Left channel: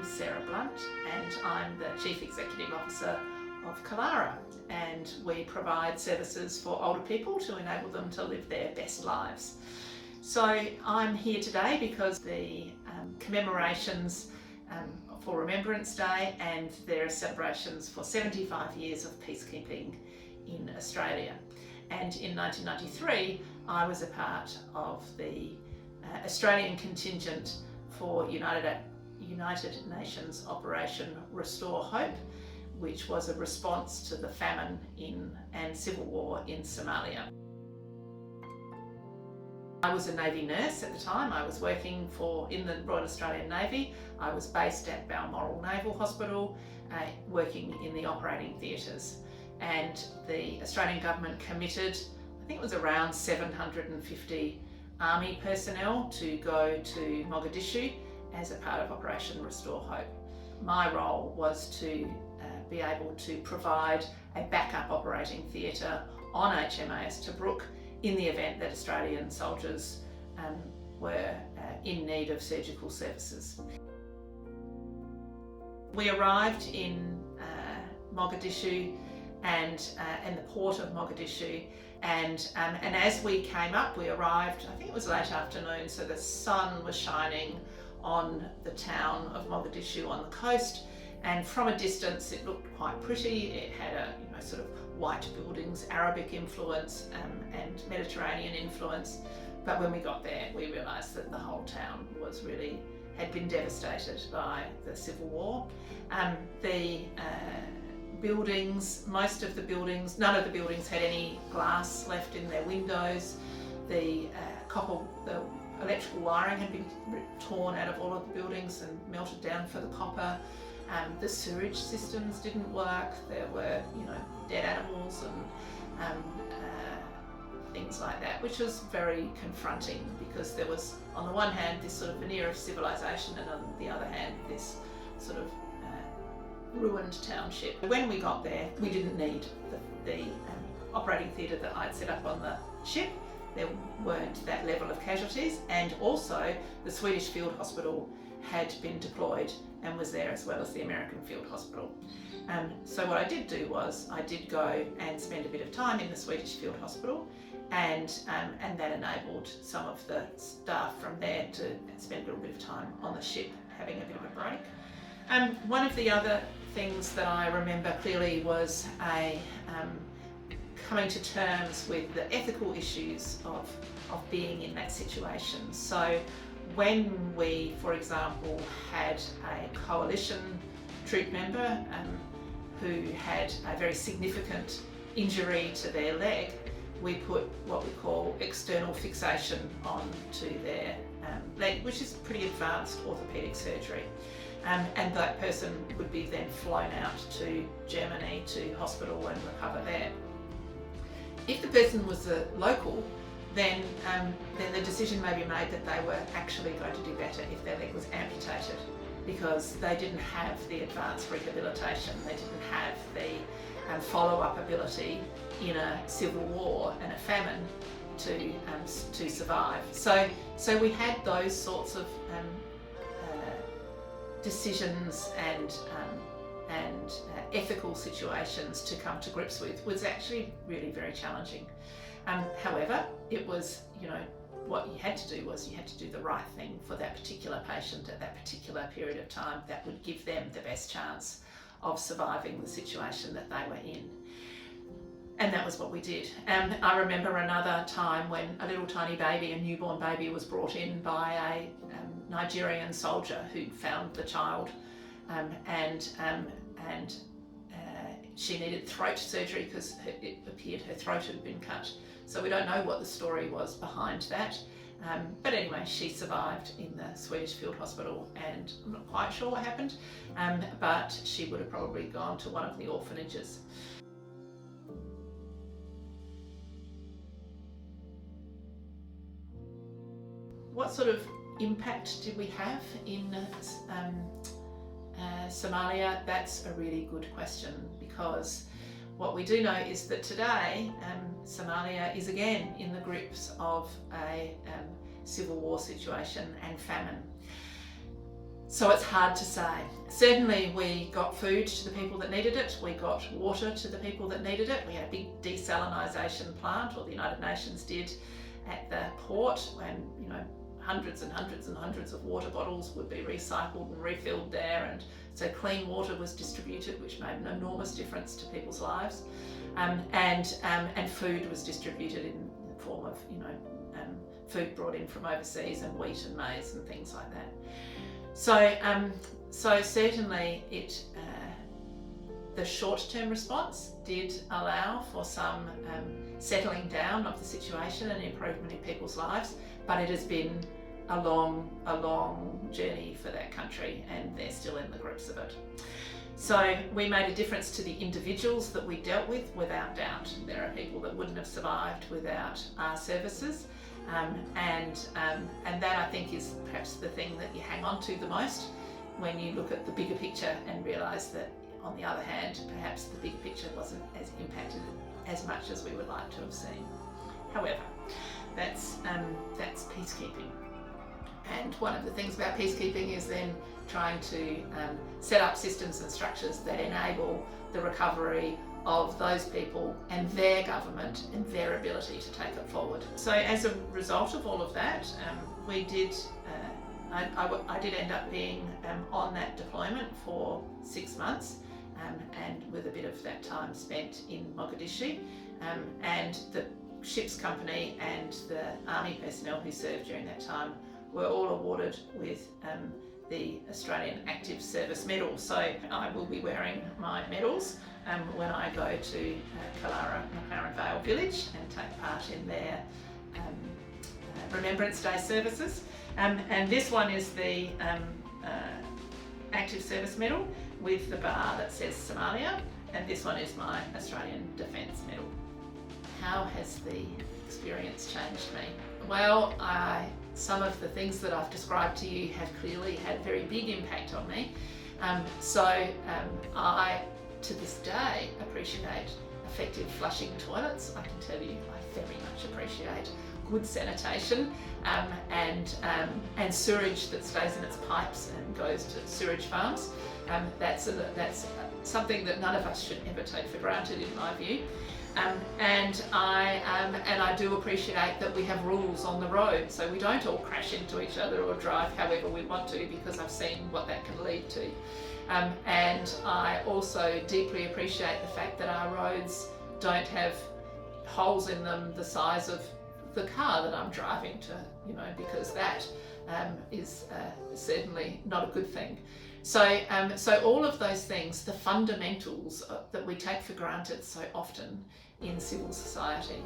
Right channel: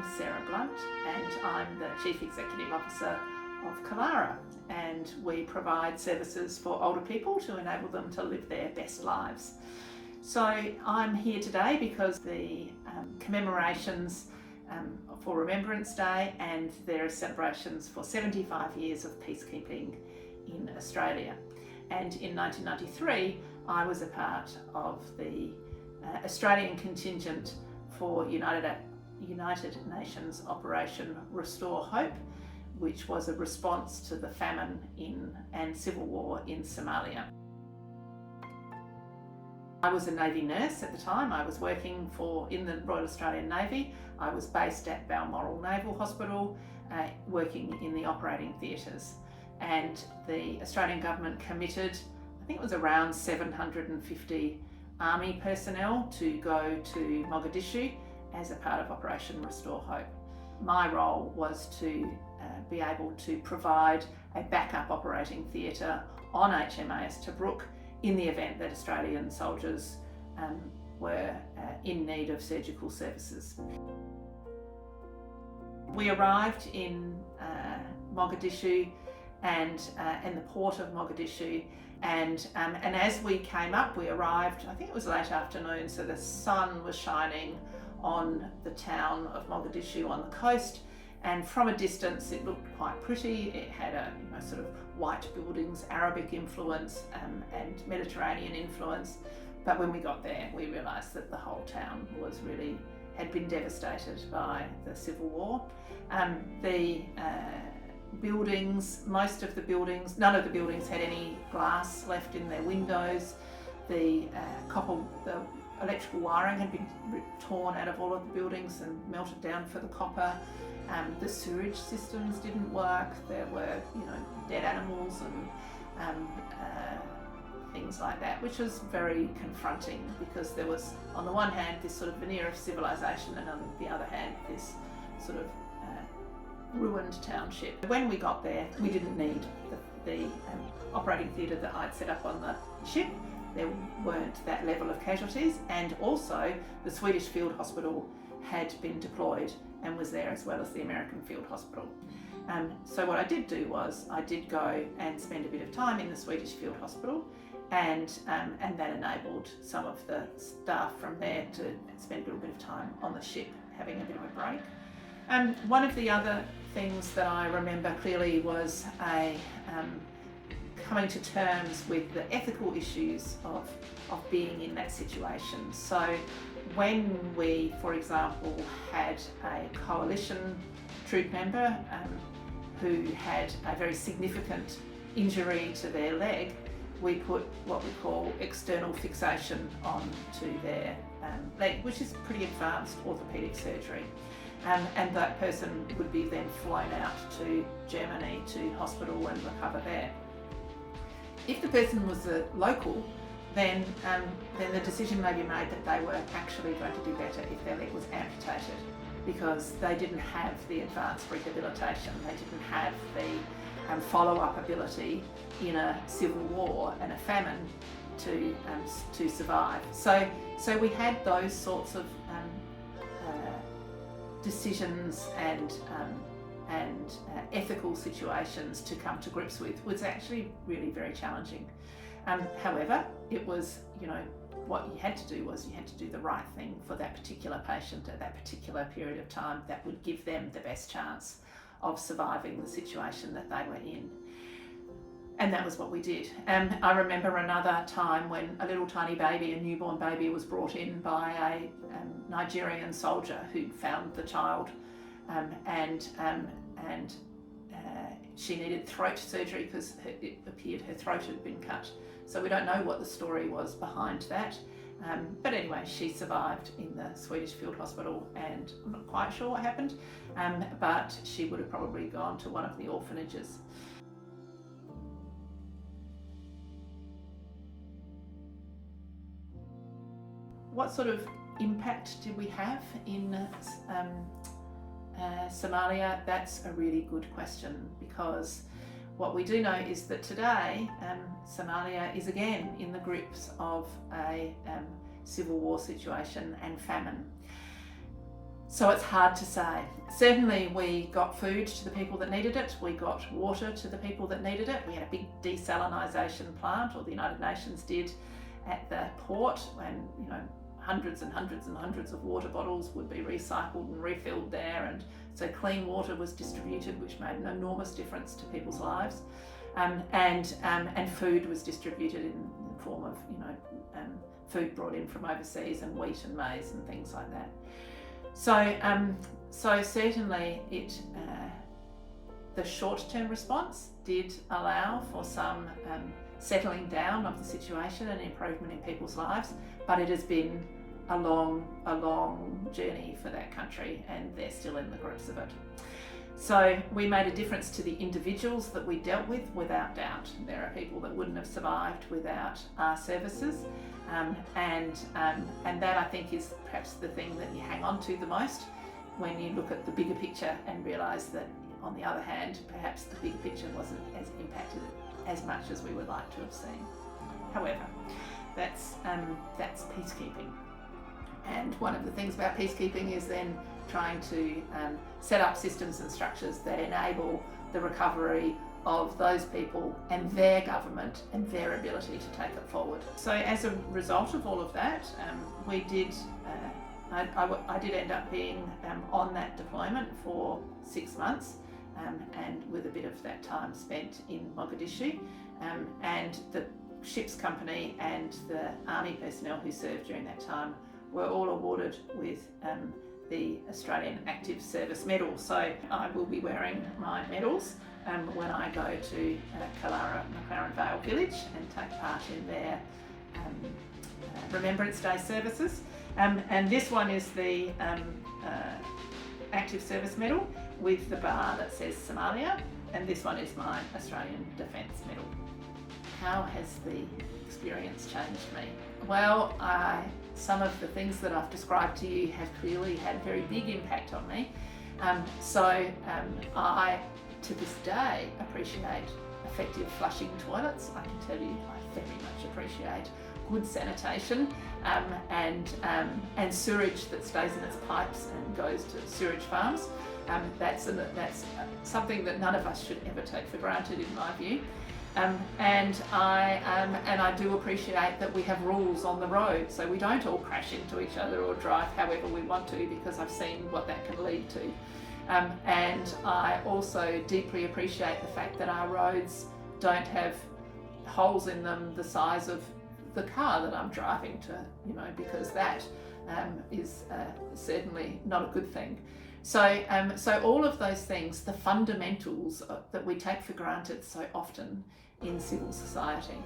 I'm Sara Blunt and I'm the Chief Executive Officer of Kalyra, and we provide services for older people to enable them to live their best lives. So I'm here today because the commemorations for Remembrance Day, and there are celebrations for 75 years of peacekeeping in Australia. And in 1993 I was a part of the Australian contingent for United Nations Operation Restore Hope, which was a response to the famine and civil war in Somalia. I was a Navy nurse at the time. I was working in the Royal Australian Navy. I was based at Balmoral Naval Hospital, working in the operating theatres. And the Australian government committed, I think it was around 750 Army personnel to go to Mogadishu as a part of Operation Restore Hope. My role was to be able to provide a backup operating theatre on HMAS Tobruk in the event that Australian soldiers were in need of surgical services. We arrived in Mogadishu and the port of Mogadishu, and as we came up, we arrived, I think it was late afternoon, so the sun was shining on the town of Mogadishu on the coast, and from a distance it looked quite pretty. It had a sort of white buildings, Arabic influence and Mediterranean influence, but when we got there we realised that the whole town had been devastated by the civil war. The buildings, none of the buildings had any glass left in their windows. The electrical wiring had been torn out of all of the buildings and melted down for the copper. The sewage systems didn't work. There were, dead animals and things like that, which was very confronting because there was, on the one hand, this sort of veneer of civilization, and on the other hand, this sort of ruined township. When we got there, we didn't need the operating theatre that I'd set up on the ship. There weren't that level of casualties, and also the Swedish Field Hospital had been deployed and was there, as well as the American Field Hospital. So what I did do was I did go and spend a bit of time in the Swedish Field Hospital, and that enabled some of the staff from there to spend a little bit of time on the ship having a bit of a break. One of the other things that I remember clearly was coming to terms with the ethical issues of being in that situation. So when we, for example, had a coalition troop member who had a very significant injury to their leg, we put what we call external fixation onto their leg, which is pretty advanced orthopaedic surgery. And that person would be then flown out to Germany to hospital and recover there. If the person was a local, then the decision may be made that they were actually going to do better if their leg was amputated, because they didn't have the advanced rehabilitation, they didn't have the follow-up ability in a civil war and a famine to survive. So we had those sorts of decisions and ethical situations to come to grips with. Was actually really very challenging. However, it was, what you had to do was you had to do the right thing for that particular patient at that particular period of time that would give them the best chance of surviving the situation that they were in. And that was what we did. I remember another time when a little tiny baby, a newborn baby, was brought in by a Nigerian soldier who'd found the child, and she needed throat surgery because it appeared her throat had been cut. So we don't know what the story was behind that. But anyway, she survived in the Swedish Field Hospital, and I'm not quite sure what happened, but she would have probably gone to one of the orphanages. What sort of impact did we have in Somalia? That's a really good question, because what we do know is that today Somalia is again in the grips of a civil war situation and famine. So it's hard to say. Certainly we got food to the people that needed it, we got water to the people that needed it. We had a big desalinisation plant, or the United Nations did, at the port, and hundreds and hundreds and hundreds of water bottles would be recycled and refilled there, and so clean water was distributed, which made an enormous difference to people's lives. And food was distributed in the form of food brought in from overseas, and wheat and maize and things like that. So certainly the short-term response did allow for some settling down of the situation and improvement in people's lives, but it has been a long journey for that country, and they're still in the grips of it. So we made a difference to the individuals that we dealt with, without doubt. There are people that wouldn't have survived without our services, and that, I think, is perhaps the thing that you hang on to the most when you look at the bigger picture and realise that, on the other hand, perhaps the bigger picture wasn't as impacted as much as we would like to have seen. However, that's peacekeeping. And one of the things about peacekeeping is then trying to set up systems and structures that enable the recovery of those people and their government and their ability to take it forward. So as a result of all of that, we did, I did end up being on that deployment for 6 months, and with a bit of that time spent in Mogadishu, and the ship's company and the army personnel who served during that time were all awarded with the Australian Active Service Medal. So I will be wearing my medals when I go to Kalyra, McLaren Vale Village, and take part in their Remembrance Day services. And this one is the Active Service Medal with the bar that says Somalia, and this one is my Australian Defence Medal. How has the experience changed me? Well, some of the things that I've described to you have clearly had a very big impact on me. I, to this day, appreciate effective flushing toilets. I can tell you, I very much appreciate good sanitation, and sewage that stays in its pipes and goes to sewage farms. That's something that none of us should ever take for granted, in my view. And I do appreciate that we have rules on the road, so we don't all crash into each other or drive however we want to, because I've seen what that can lead to. And I also deeply appreciate the fact that our roads don't have holes in them the size of the car that I'm driving to, because that is certainly not a good thing. So all of those things, the fundamentals that we take for granted so often in civil society,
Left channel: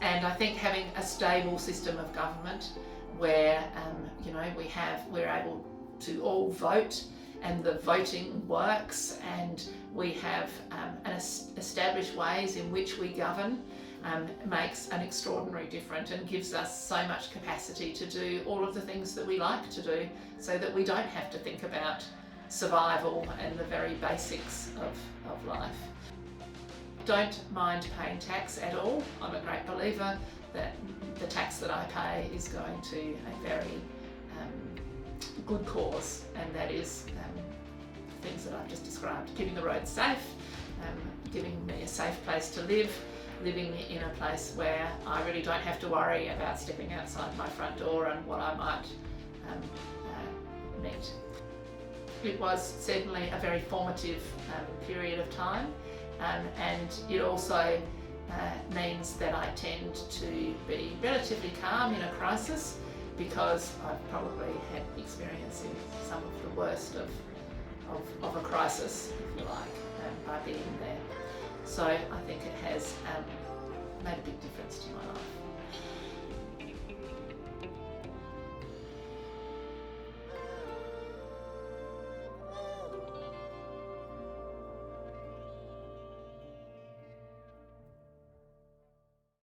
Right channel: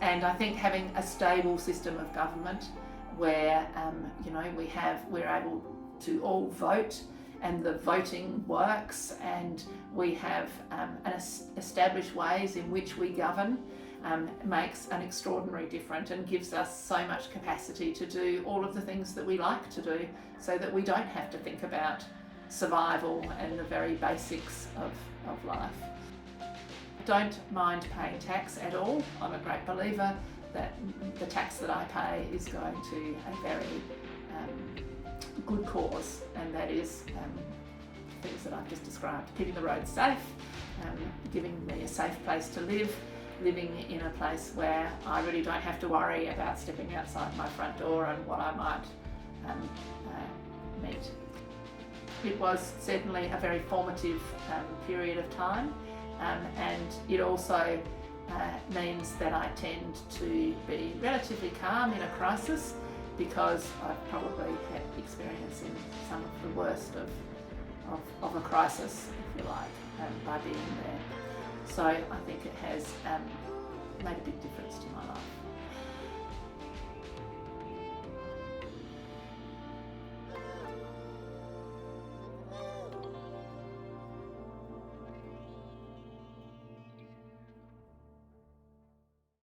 and I think having a stable system of government where we're able to all vote, and the voting works, and we have established ways in which we govern, makes an extraordinary difference and gives us so much capacity to do all of the things that we like to do, so that we don't have to think about survival and the very basics of life. Don't mind paying tax at all. I'm a great believer that the tax that I pay is going to a very good cause, and that is things that I've just described: keeping the roads safe, giving me a safe place to live, living in a place where I really don't have to worry about stepping outside my front door and what I might meet. It was certainly a very formative period of time, and it also means that I tend to be relatively calm in a crisis, because I've probably had experience in some of the worst of a crisis, if you like, by being there. So I think it has made a big difference to my life.